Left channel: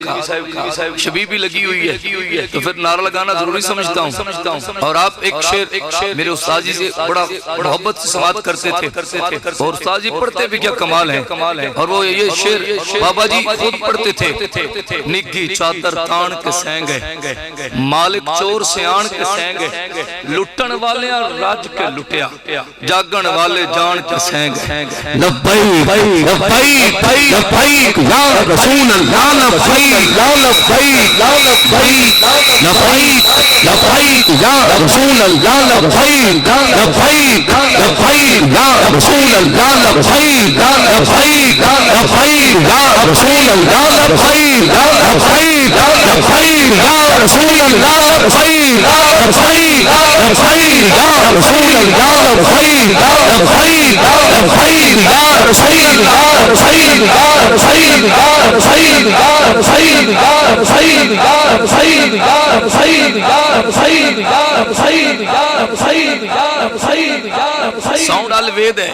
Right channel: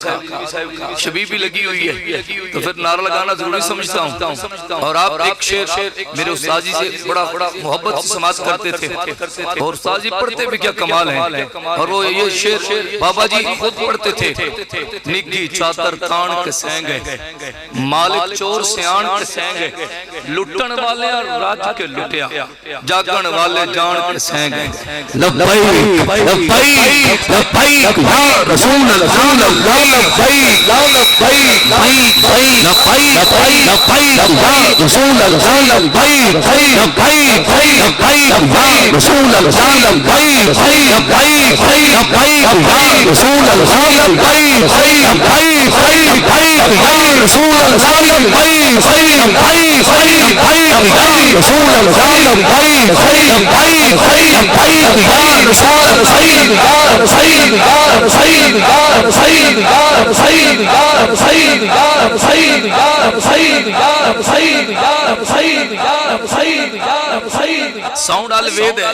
شبیبی لگی ہوئی ہے تو پھر نعرہ لگانا ضروری سمجھتا ہوں۔ اور آپ ایک شعر میرے استاد جی سے بڑا محبت سے سماعت کرتے تھے اور استاد جی پڑھتے بھی کیا کمال ہیں، اور وہ یہ شعر بابا جی خود پڑھتے تھے۔ نگھی چادر تان کے سینگے مالک چور سیان کے سینگے، لٹن والے راج کے لٹیا جاگن والے جان کے سینگے۔ لبیک لبیک لبیک یا رسول اللہ، لبیک لبیک لبیک یا رسول اللہ، لبیک لبیک لبیک یا رسول اللہ، لبیک لبیک لبیک یا رسول اللہ، لبیک لبیک لبیک یا رسول اللہ، لبیک لبیک لبیک یا رسول اللہ، لبیک لبیک لبیک یا رسول اللہ۔ ساؤنڈ الوید ہے،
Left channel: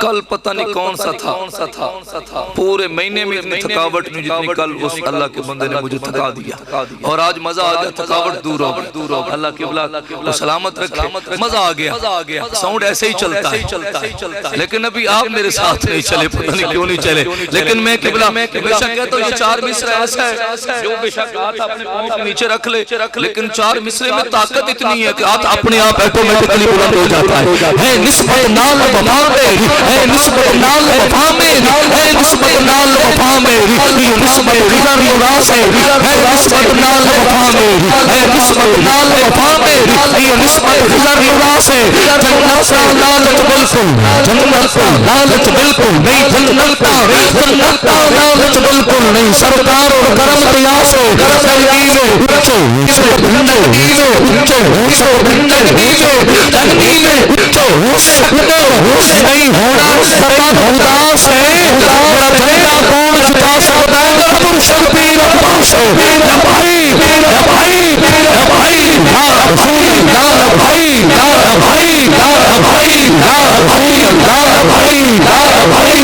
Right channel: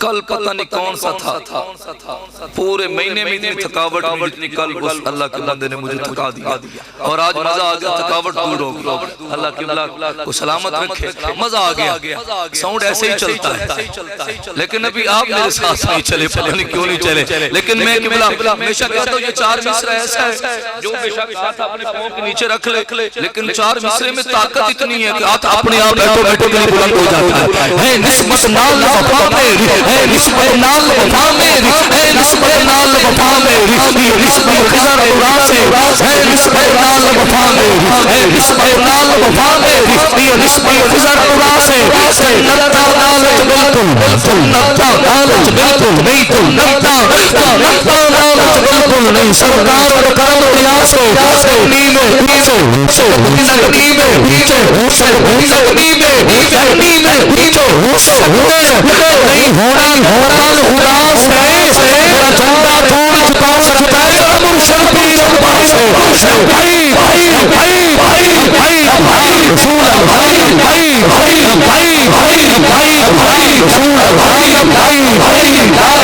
کل پتہ نہیں کون سا تھا، پورے مہینے میں اتنی تھکاوٹ نہیں جتنی کل اس اللہ کے بندے نے مجھے تھکا دیا، اور آج مزہ آ گیا، تھکاوٹ دور ہو گئی۔ اللہ قبلہ کو سلامت رکھے، مزہ آ گیا۔ ساؤنڈ ایسے ہی چلتا ہے، لیکن ابھی آپ میرے ساتھ نہیں چلے، پتہ نہیں کیوں نہیں چلے، لیکن میں قبلہ ہمیشہ کہتا ہوں یہ چار مصرع ایسا ہے جو بے شک ہاتھ اپنے پاؤں کے نیچے رکھ لے، لیکن چار مصرع میں طاقت اتنی ہے کہ ہاتھ اپنے آپ ایٹومیٹکلی بلند ہو جاتا ہے۔ ہے نسبت نال وفا میری، ہے نسبت نال وفا میری، ہے نسبت نال وفا میری، یہ نسبت خضر نورا سے ہے، نسبت نال وفا میری، ہے نسبت نال وفا میری، یہ نسبت خضر نورا سے۔ جنت کا لالچ بالکل، جنت کا لالچ بالکل نہیں، جنت کا لالچ بالکل نہیں، سرکار اور کرم دیا سے نگنی میں اچھے ہو سکتے، نگنی میں اچھے ہو سکتے، نگنی میں اچھے ہو سکتے نہیں، ہونا وطن خدا سے میرا جھنڈا کون جھکا سکتا ہے میرا مرشد پیر عباس سے۔ لبیک لبیک لبیک یا رسول اللہ، لبیک لبیک لبیک یا رسول اللہ، لبیک لبیک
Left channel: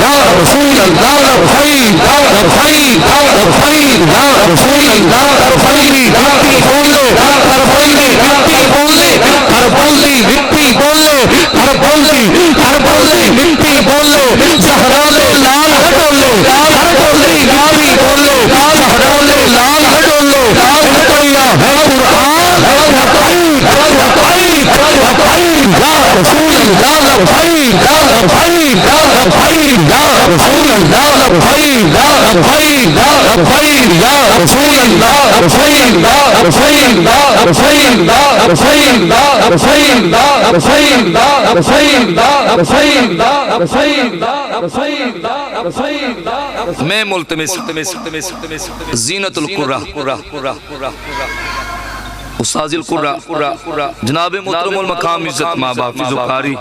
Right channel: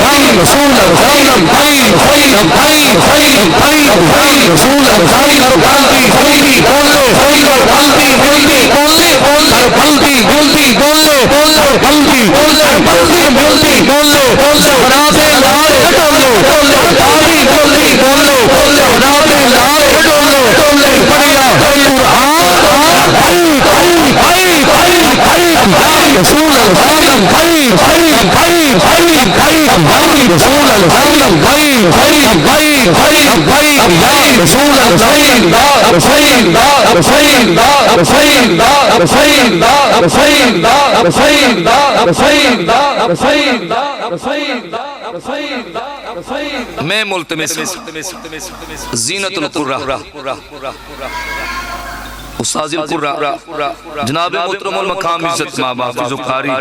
یا رسول اللہ، لبیک لبیک لبیک یا رسول اللہ۔ کربلدی مٹی بولے، کربلدی مٹی بولے، کربلدی مٹی بولے، کربلدی مٹی بولے، زہرا دے لال ڈولے، کربلدی مٹی بولے، زہرا دے لال ڈولے۔ ایک پڑھیا ہے قرآن، لبیک لبیک لبیک یا رسول اللہ، لبیک لبیک لبیک یا رسول اللہ، لبیک لبیک لبیک یا رسول اللہ۔ میں ملتمس زینت القرہ استاذ القرہ جناب محترم المقام عزت ماں حافظ و قاری